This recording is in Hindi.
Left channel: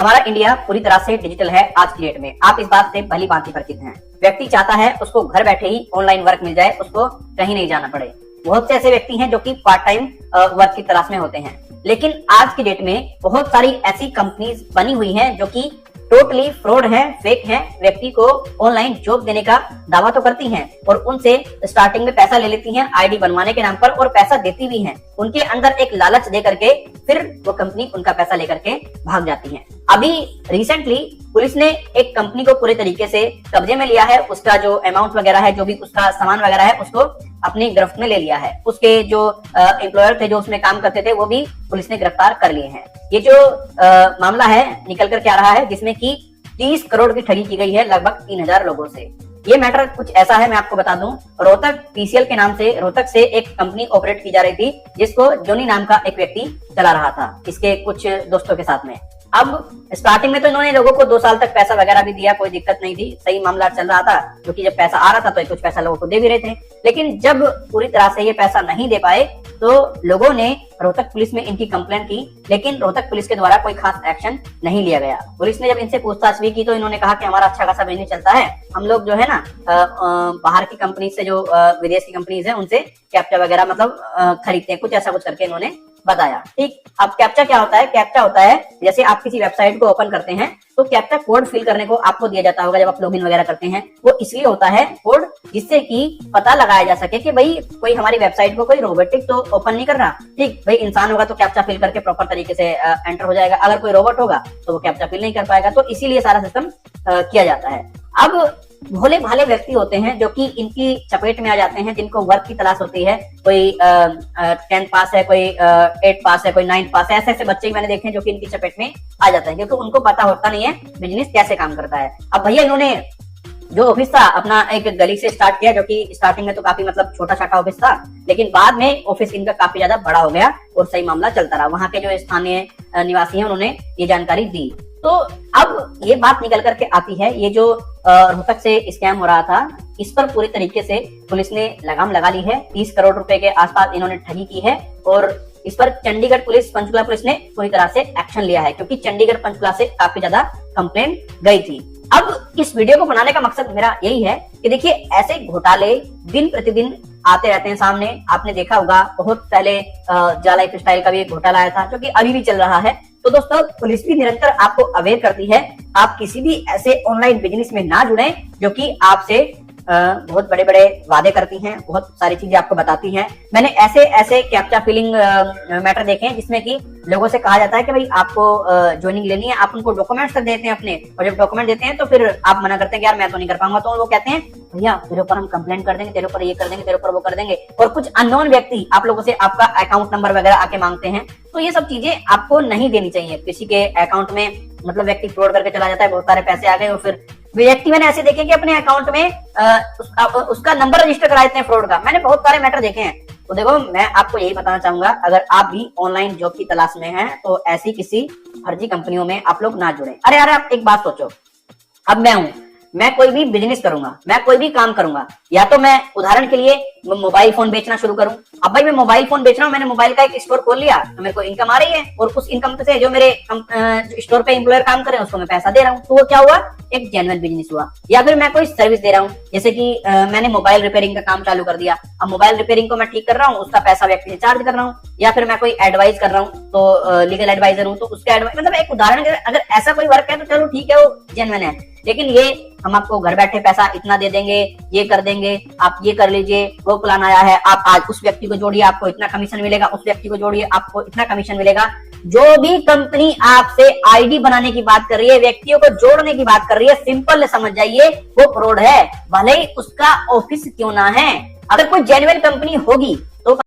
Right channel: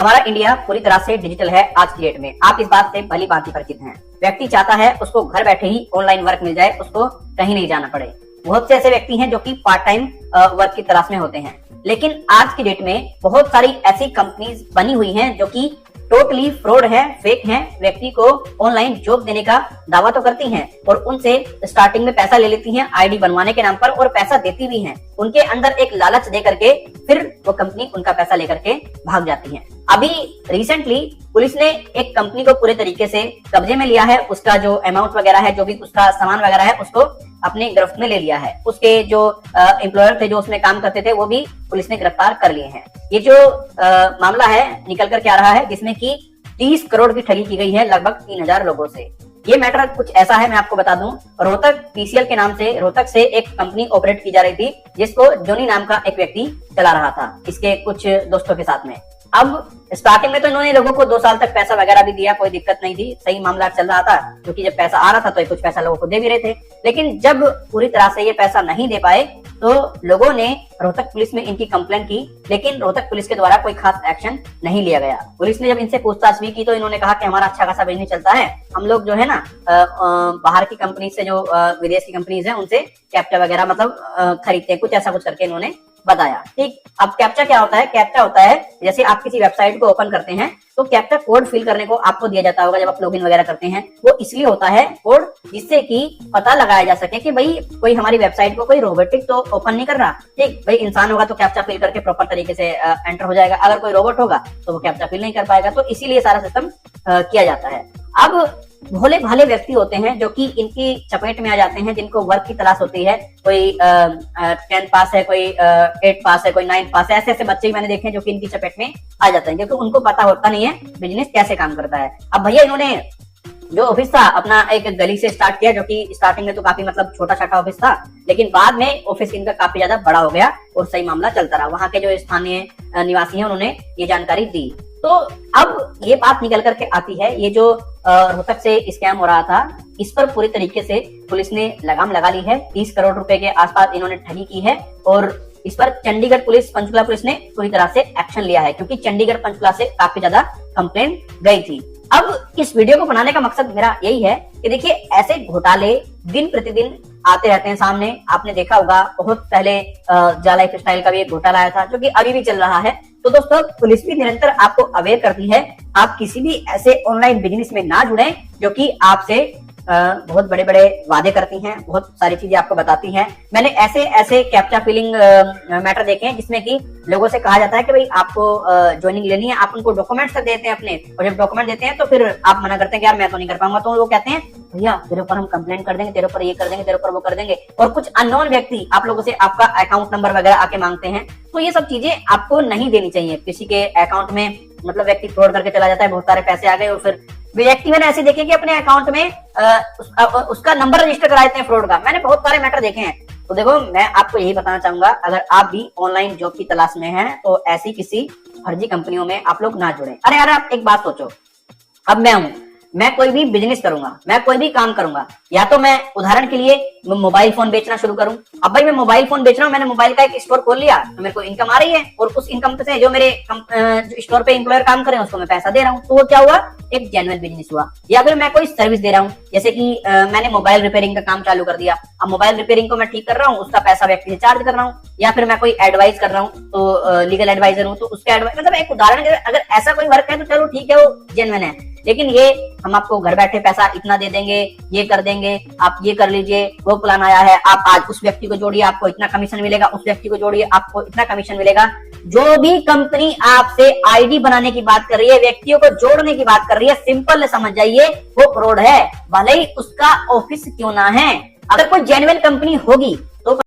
हमारा इंडिया पूरी तरह से डिजिटल है आज की डेट में। आप इस बात से भली भांति परिचित हैं। व्यक्ति चाहता है उसको घर बैठे ही ऑनलाइन वर्क मिल जाए, उसको कहीं नहीं जाना पड़े। बहुत से ऐसे व्यक्ति हैं जो कि पार्ट टाइम वर्क की तलाश में होते हैं, लेकिन आज की डेट में बहुत सारी ऐसी कंपनीज बनी हुई हैं जो कि टोटली फ्रॉड है, फेक है। व्यक्ति को ऑनलाइन जॉब देने का दावा तो करती हैं और उनसे स्टार्टिंग में पैसा ले लेती हैं आईडी बनवाने के नाम पर, और पैसा देती भी हैं। उनके अंदर एक लालच दे करके फिर वो कंपनी उनका पैसा लेकर के भाग जाती है। अभी रिसेंटली पुलिस ने एक कंपनी को पूरे तरीके से कब्जे में लिया है। उसका जो अमाउंट वगैरह है, जो भी उसका सामान वगैरह है, उसको अपनी गिरफ्त में ले लिया है। उसके जो एम्प्लॉयर थे जो उसमें काम करते थे, वो भी पुलिस ने गिरफ्तार कर लिए हैं। ये जो मामला है निकल कर क्या रहा है, जिसमें कि 30 करोड़ की ठगी की गई है लगभग 3000 लोगों से। ये मैटर कुछ ऐसा है, मैं आपको बता दूं। रोहतक पीसीएल के नाम से रोहतक से एक कंपनी ऑपरेट की जा रही थी, जिसको जोनी नाम का एक व्यक्ति चला रहा था इसके कुछ दोस्तों के साथ में। अब स्टार्टिंग में तो इन्होंने लोगों को 2 साल तक पैसा वगैरह भी दिया, कोई दिक्कत नहीं थी, सही मामला चल रहा था, क्योंकि जब पैसा आ रहा था तो कुछ पैसा लोगों को दे भी रहे थे। लेकिन जब पूरी तरह से ये पैसा नहीं दे पाए तो लोगों ने रोहतक पुलिस में इनकी कंप्लेंट की, लेकिन रोहतक पुलिस के द्वारा कोई खास एक्शन नहीं लिया गया। पुलिस ने जब इनसे पूछताछ भी की तो इन्होंने कहा कि हमारा अच्छा खासा बिजनेस चलता है, हम लोग जो है ना बाहर की कंपनी से, जो विदेश की कंपनीज है, उनसे कैप्चा वगैरह मतलब खरीदते हैं, कुछ ऐसा कुछ करके इन्होंने बताया। ठीक, अब कैप्चा क्या होता है? कैप्चा होता है जैसे आप किसी वेबसाइट को ओपन करते हैं तो कैप्चा कोड फिल करने को आपको दिया जाता होगा जब आप लॉगिन वगैरह करते हैं। वो इसलिए होता है कोड, जिससे कि पता लगाया जा सके कि भाई कोई हमारी वेबसाइट को कोई रोबोटिक तो ओपन नहीं कर रहा। ठीक, भाई इंसान होगा तो कैप्चा फिल करके प्रॉपर तरीके से एंटर हो जाएगा, अगर कोई रोबोट होगा तो वो कैप्चा फिल नहीं कर पाएगा। तो इसीलिए सारा सिस्टम किया जाता है। अब भोले भाले व्यक्ति होते हैं जो कि इनकी चपेट में आ जाते हैं, जिनको वर्क की तलाश होती है। कोई 10th पास है, कोई 8th पास है, कोई 9th पास है। ऐसे ऐसे बच्चे मैंने देखे हैं जो कि इनकी चपेट में आ जाते हैं, क्योंकि उनको पता होता नहीं है बिजनेस कैसे काम करता है। अब भैया इन्होंने जो ऑफिस था अपना एक गली से स्टार्ट किया, जो कि स्टार्टिंग में तो काफी मतलब छोटा छोटा ऑफिस था, लेकिन बाद में ऑफिस इनका काफी ज्यादा बड़ा हो गया और सही मामला चलता रहा। वहां के जो स्थानीय निवासी हैं उन्होंने ये जानकारी दी। तो अब ये बात निकल करके आती है, ये जो रोहतक से स्कैम हो रहा था, इस पर पूरी तरीके से पुलिस ने लगाम लगा ली है। 30 करोड़ रुपए के आसपास इन्होंने ठगी की है और इस पर चंडीगढ़ पुलिस, पंचकुला पुलिस ने पूरी तरह से एक्शन लिया है, क्योंकि चंडीगढ़ पंचकुला से काफी ज्यादा कंप्लेंट गई थी। अब इस वीडियो को बनाने का मकसद मेरा यही है कि देखिए ऐसे घोटाले दिन प्रतिदिन आते रहते हैं सामने। आपने देखा होगा बहुत पहले जा लाइफ स्टाइल का भी एक घोटाला आया था, जो कि अभी भी चल रहा है। तो दोस्तों पुलिस भी निरंतर आपको अवेयर करती है, आप किसी भी ऐसे ऑनलाइन बिजनेस में ना जुड़े जो कि आपसे बहुत बड़े बड़े वादे करती हैं, बहुत सारी चीजें आपको बताती हैं। मैंने ऐसे ऐसे कैप्चा फिलिंग मैटर देखे हैं जिसमें कि लोगों से कहा जाता है कि भाई आपको ज्वाइनिंग लेनी है, आप उनको डॉक्यूमेंट्स देते हैं अपने, और जब डॉक्यूमेंट देते हैं तो फिर आप मना करते हैं कि यार मैं तो नहीं कर पाऊंगा। तो वो कहते हैं भैया तेरे ऊपर हम कंप्लेंट कर देंगे, तेरे ऊपर ये कर देंगे, तेरे ऊपर वो कर देंगे। और कुछ अननोन व्यक्ति आप लोगों से आपका अकाउंट नंबर वगैरह आके मांगते हैं। तो ये सब चीजें आपको नहीं देनी चाहिए। किसी के अकाउंट में मतलब व्यक्ति फ्रॉड करके चला जाता है, बहुत सारे पैसे आ गए, और फिर व्यक्ति मैंने ऐसे देखे कि अपने अकाउंट में उसका नंबर रजिस्टर करा देते हैं फ्रॉड का। मैंने बहुत सारे मैटर देखे हैं। तो देखो मैं आपको यही बताना चाहूंगा, अगर आप भी ऑनलाइन जॉब की तलाश में हैं तो ऐसी किसी फर्जी कंपनियों में आप लोग ना जुड़े। अरे आप एक बात सोचो, अब मैं कोई भी बिजनेस करूंगा, मैं कोई भी काम करूंगा, या तो मैं उदाहरण के लिए मोबाइल फोन बेचना शुरू करूं। अब भाई मैं मोबाइल फोन बेच रहा हूं, मैंने मोबाइल का एक स्टोर खोल लिया तो मेरे को इनकम आ रही है, और उस इनकम से जो मेरे जो स्टोर पे एम्प्लॉयर काम कर रहे हैं उसको मैं पैसा दे रहा हूं। तो वो क्या हुआ, एक जेन्युइन बिजनेस हुआ। या फिर मैं कोई सर्विस दे रहा हूं, जैसे कि मैंने मोबाइल रिपेयरिंग का काम चालू कर दिया। अब मोबाइल रिपेयरिंग को मैं ठीक कर रहा हूँ, उसका पैसा व्यक्ति से चार्ज कर रहा हूँ। या फिर मैं कोई एडवाइस कर रहा हूँ, तो लीगल एडवाइजर हूँ, तो उसका एडवाइस, मतलब एक उदाहरण के अगर ऐसा कोई वर्क है तो चलो ठीक है, वो जेन्युइन है। लेकिन ये हम आपको घर बैठे पैसा इतना दे देंगे, ये कर देंगे, आप ये कर लीजिए, वो प्लान आया है, आप आज उस व्यक्ति को जोड़िए आपको इतना कमीशन मिलेगा, उस व्यक्ति को जोड़िए आपको इतना कमीशन मिलेगा। जो भी कंपनी आपसे आईडी बनाने की बात कर रही है, व्यक्तियों को जोड़ने की बात कर रही है, सिंपल समझ जाइए वो फ्रॉड है, भले ही उसका ऑफिस क्यों ना है। अगर कोई जेन्युइन कंपनी होगी